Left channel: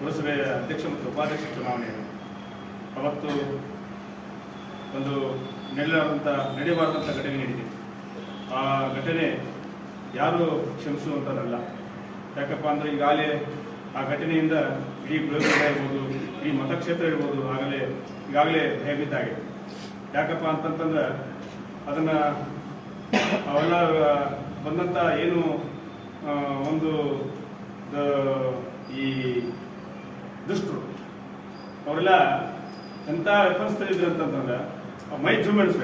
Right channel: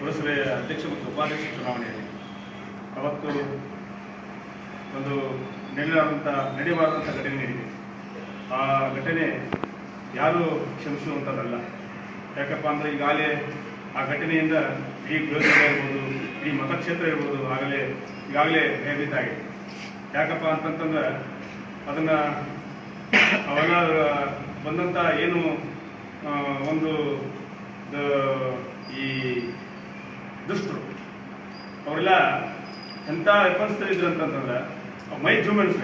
ಲೋಕಸಭೆ ಅಧ್ಯಕ್ಷ ಮತ್ತು ಉಪಾಧ್ಯಕ್ಷ ಚುನಾವಣೆಯಲ್ಲಿ ಅವತ್ತು ಒಂದು ನೆಲೆಯಾದಂಥ ನಡೆಯಬಾರದಂಥ ಘಟನೆ ನಡೆದಿದೆ ಆ ಘಟನೆ ಯಾರು ಕ್ಷಮಿಸುವಂಥದ್ದಲ್ಲ ಯಾಕಪ್ಪ ಅಂದರೆ ಈಗಾಗಲೇ ಆ ಘಟನೆಯಿಂದ ಈ ಗೃಹಸಭೆ ಇರ್ಬೋದು ಈ ಮತಕ್ಷೇತ್ರ ಇರ್ಬೋದು ಆಗಲೇ ಈಗಾಗಲೇ ಹೇಳಿದ್ದಾಗೆ ಯಾಕಪ್ಪ ಅಂತಂತಂದ್ರೆ ಅದನ್ನು ಅವೆಲ್ಲ ಬಂದಂಥ ಏನು ಒಂದು ಈ ದುಷ್ಟರು ಅವರೆಲ್ಲ ಎಂಥ ವೆಪನ್ಸ್ ಇದ್ರು ಅಂತಂದ್ರೆ ಮೈ ಜೂಮೆಂಟ್ಸ್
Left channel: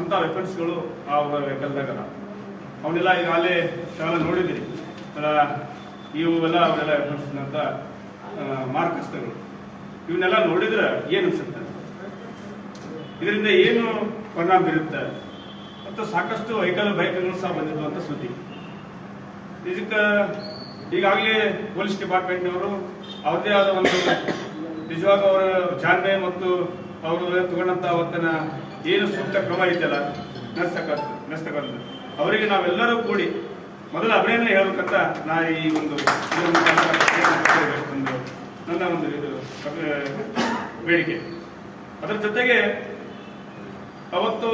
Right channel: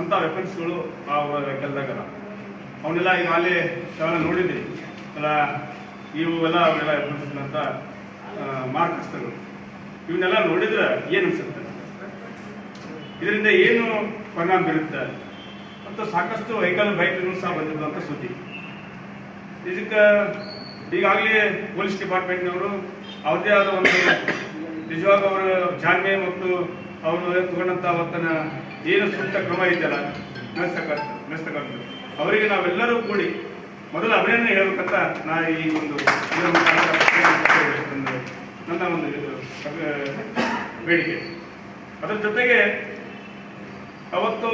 ಅಂಥ ವೆಪನ್ಸ್ಗಳು ಆ ಕೆಲದಾಗಲ್ಲ ಅವನ್ನೆಲ್ಲ ಈಗ ಅಲ್ಲಿ ನೋಡಿದ್ದೀನಿ ನೋಡಿದ್ದೀವಿ ಅಲ್ಲ ಇವೆಲ್ಲ ಅವೆಲ್ಲ ವೆಪನ್ಸ್ ಅಂತ ಮಾರ್ಕಸ್ಗಳು ಇವನ್ನೆಲ್ಲ ನೋಡಿದ್ರೆ ಏನು ಅನ್ಸುತ್ತೆ ಇದರಿಂದ ಏನು ಪರಿಣಾಮ ಬೀರುತ್ತೆ ಮತ್ತು ಸಾಕಷ್ಟು ವೆಹಿಕಲ್ ಬೈಕ್ಗಳು ಸಹ ಅಂತ ಸುದ್ದಿ ಇದಕ್ಕೆ ಈಗಾಗಲೇ ಪೊಲೀಸ್ ಡಿಪಾರ್ಟ್ಮೆಂಟ್ನವರು ಅವ್ರದೇ ಆದ ಒಂದು ನಿಜವಾಗ ಅವರ ಜಾಣ್ಮೆ ಮತ್ತು ಅವರು ತಗೊಂಡಂಥ ಅವತ್ತನ ಏನು ಸೂಕ್ತ ಕ್ರಮ ಇದೆಯಲ್ಲ ನಡೆಸ್ತಕ್ಕ ನಡೆಸ್ತಕ್ಕಂಥ ಅವರಿಗೆ ನಾವೆಲ್ಲರೂ ಕೂಡಿ ಮೊದಲು ಅಭಿನಂದನೆ ಹೇಳಬೇಕಂತ ನಾ ಈ ಒಂದು ನನ್ನ ಒಂದು ಬೇಡಿಕೆ ಅದರ ಜೊತೆಗೆ ಅವತ್ತು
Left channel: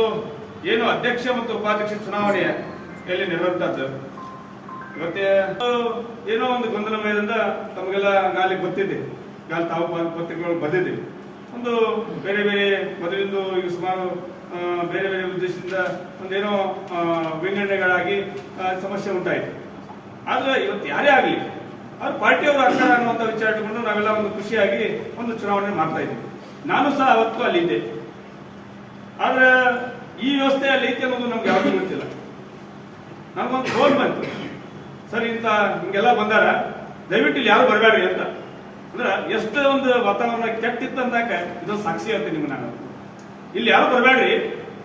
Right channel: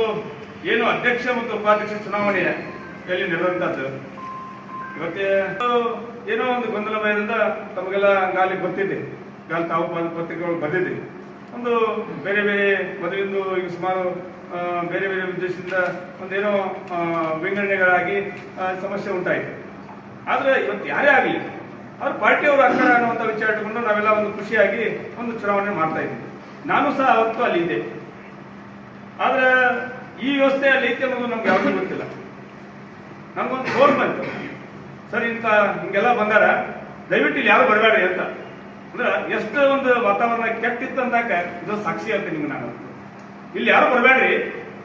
ಏನು ಅಧ್ಯಕ್ಷ ಮತ್ತು ಉಪಾಧ್ಯಕ್ಷ ಚುನಾವಣೆಯಲ್ಲಿ ನಡೆದಂಥದ್ದು ಮತ್ತೆ ಏನೋ ಒಂದು ಗೊಂದಲಮಯದಿಂದ ತಮಗೆಲ್ಲ ಗಾಲಿ ಗೊತ್ತಿದೆ ಗಾಲಿ ತಾವು ಪತ್ರಿಕೆಗಳು ಬಂದಿದ್ದೀವಿ ಒಂದು ಬೇರೆ ಬೇರೆ ಮದುವೆಂದು ಈಗ ಸುಮಾರು ಬೇರೆ ಬೇರೆ ಉದ್ದೇಶದಿಂದ ಒಂದೇನೋ ವಿಂಗಡಣೆಗಳಾಗಿ ಸಮಸ್ಯೆ ಉಂಟಾಯಿತು ಆದರೆ ಇವತ್ತು ಯಾರೇ ಆಗಲಿ ಅವ್ರ ಪಾರ್ಟಿಯವರು ಆಗ್ತಾರೆ ಅನ್ನುವಂಥ ವಿಚಾರ ಇಟ್ಟುಕೊಂಡು ನಾವೆಲ್ಲ ಒಂದು ಖುಷಿಯಾಗಿ ಒಂದು ಚುನಾವಣೆ ಮಾಡ್ತಾ ಇದ್ದೀವಿ ನಾನು ಸಹ ಅವತ್ತು ಅಲ್ಲಿ ಇದ್ದೆ ಆದ್ರೆ ಈ ವ್ಯವಸ್ಥೆ ಅಲ್ಲಿ ಐತೆ ಅನ್ನೋದು ನಮ್ಗೆ ಯಾವುದೂ ಗೊತ್ತಿಲ್ಲ ನಮಗೊಂದು ಫೋನ್ ಬಂತು ಸರ್ ಇಂತ ಹಿಂಗೆಲ್ಲ ಬಂದಾರ ದಯವಿಟ್ಟು ಇಲ್ಲಿ ಯಾರು ಬರಬೇಡ್ರಿ ಅಂತ ಅಂದ್ರೆ ಎಷ್ಟು ಒಂದು ವಾತಾವರಣ ಕೆಟ್ಟಿತ್ತು ಅಂದಾಗ ಇದು ಸಾಕ್ಷಿ ಅಂತ ನಿಮ್ಗೆ ನಾನು ಇಲ್ಲಿ ಯಾರು ಬರಬೇಡ್ರಿ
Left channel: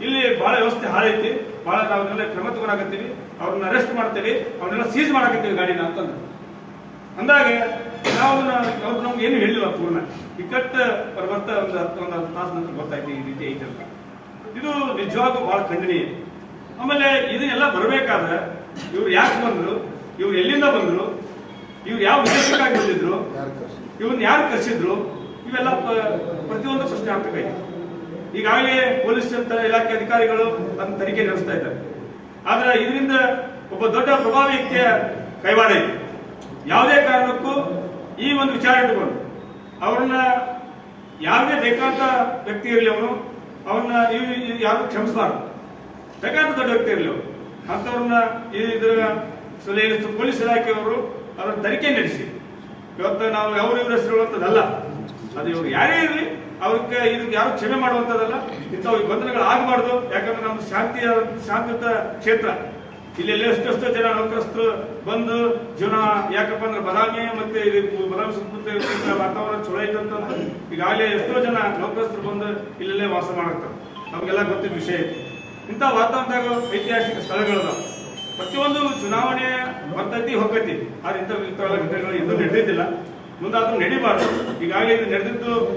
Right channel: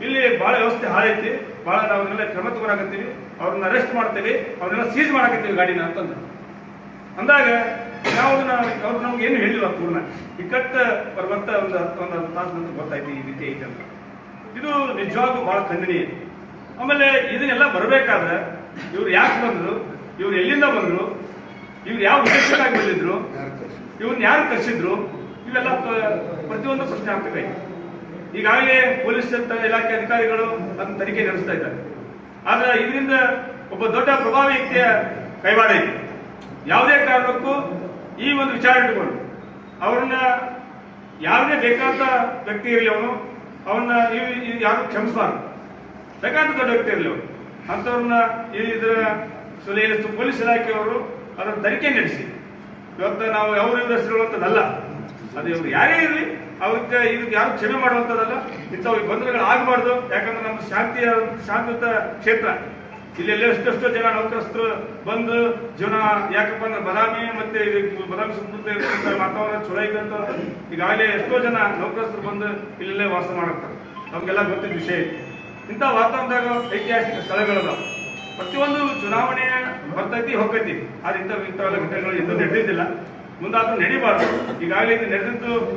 ಇಲ್ಲಿ ಬಹಳ ವ್ಯವಸ್ಥೆ ಹಾಳೈತಿ ಬಹಳ ನಾವನ್ನೆಲ್ಲ ಕ್ರಮ ತಗೊಂಡಾಗತ್ತೀವಿ ಅವ್ರನ್ನ ಅರೆಸ್ಟ್ ಮಾಡ್ತೀವಿ ಅವ್ರನ್ನೆಲ್ಲ ಸೀಸ್ ಮಾಡಾಕತ್ತೀವಿ ಗಾಡಿನ ಅಂತಂದ್ರೆ ಅಂದಾಗ ನಾವು ಅವ್ರು ನಮ್ಗೆ ಏನು ಹೇಳಿಲ್ಲ ಪೂರ್ಣ ಇಕ್ಕಟ್ಟ ಬರುವಂತ ಒಂದು ಒಂದು ತಾಸು ನಂತರ ಗೊತ್ತಾಯ್ತು ಈ ರೀತಿ ಐತಲ್ಲ ಇದು ನಿಜವಾಗೂ ಬಹಳ ಖಂಡನೀಯ ಆಮೇಲೆ ಇದನ್ನೆಲ್ಲ ಬರಬೇಕಾದ್ರೆ ಇವ್ರು ಯಾಕೆ ಬಂದ್ರು ಇವ್ರು ಎಲ್ಲಿಂದ ಬಂದ್ರು ಇವ್ರು ಯಾವ ಉದ್ದೇಶಕ್ಕಾಗಿ ಬಂದಿದ್ರು ಇವ್ರನ್ನ ಯಾರು ಕರೆಸಿದ್ರು ಇವೆಲ್ಲ ಪ್ರತಿಯೊಂದು ಪ್ರಶ್ನೆ ಆಗ್ತದೆ ಈಗಾಗಲೇ ಪೊಲೀಸ್ ಇಲಾಖೆ ಅಧಿಕಾರಿಗಳು ಅದನ್ನ ತನಿಖೆ ನಡೆಸ್ತಾ ಇದ್ದಾರೆ ಆದ್ರೆ ಇದರಿಂದ ಒಬ್ಬ ದೊಡ್ಡ ಪ್ರಭಾವಿ ವ್ಯಕ್ತಿಯ ಕೈವಾಡ ಇದೆ ಯಾವುದೇ ಕಾರಣಕ್ಕೂ ಈ ಒಂದು ವಿಚಾರ ಇಟ್ಕೊಂಡು ಅವ್ರನ್ನ ಯಾವುದೇ ಬೇಕಾದ ವ್ಯಕ್ತಿ ಇರಲಿ ಅವನು ಅವ್ರನ್ನ ನೀವು ಯಾರು ಕ್ಷಮಿಸಬಾರ್ದು ಬೇಕಾದ ದೊಡ್ಡ ವ್ಯಕ್ತಿ ಇರಲಿ ಅವನು ಅಂಥವ್ರನ್ನ ಇದರ ಸುಲೇಲಿಸ್ತು ಪೊಲೀಸ್ ಇಲಾಖೆಯವರು ಅದನ್ನು ತನಿಖೆ ನಡೆಸಿ ಇವತ್ತು ನಾವು ಯಾವ ಇವ್ರ ಅದು ಇವರು ಯಾರೇ ಇರಲಿ ಅವ್ರಿಗೆ ಇದಕ್ಕೆ ಯಾರು ಕ್ಷಮೆ ಮಾಡುವಂಥದ್ದಲ್ಲ ಇಂಥವು ಬಂಧನಗಳು ಆಗಬಾರ್ದು ಯಾಕಂದ್ರೆ ನಮ್ಮ ಶಾಂತಿಯ ಶಾಂತಿಯುತ ಕ್ಷೇತ್ರ ಇಲ್ಲಿ ಎಷ್ಟೆಷ್ಟು ಜನ ನೌಕರಸ್ಥರು ಬಂದು ಜನ ಯಾಕಪ್ಪ ಅಂದ್ರೆ ಬದಾಮಿ ಮತ್ತೆ ಬದಾಮಿ ಸುತ್ತಮುತ್ತ ಇರ್ತಕ್ಕಂಥ ವಾತಾವರಣ ಚಲೋ ಐತೆ ಈಗಾಗಲೇ ಎಷ್ಟೋ ಜನ ನೌಕರಸ್ಥರು ಬಂದು ಇಲ್ಲೆಲ್ಲೇ ವಾಸ ಮಾಡುತ್ತಾರೆ ನಮಗೆಲ್ಲ ಗೊತ್ತಿದ್ದ ವಿಷಯ ಐತಿ ಇಂಥ ವಾತಾವರಣದಾಗ ಐತಿಹಾಸಿಕ ಸ್ಥಳಗಳಲ್ಲ ಪ್ರತಿಯೊಂದು ಚುನಾವಣೆ ಬರ್ತೈತಿ ಹೋಗ್ತೈತಿ ಆದ್ರೆ ಇಂಥವು ಇಂಥವೆಲ್ಲ ಘಟನೆಗಳು ಇನ್ನೂ ನಡೆದಿದ್ದಿಲ್ಲ ಮುಂದಾದ್ರೂ ನಡಿಬಾರ್ದು ಈಗಾಗಲೇ ಇದು ನಡೆದಿದ್ದು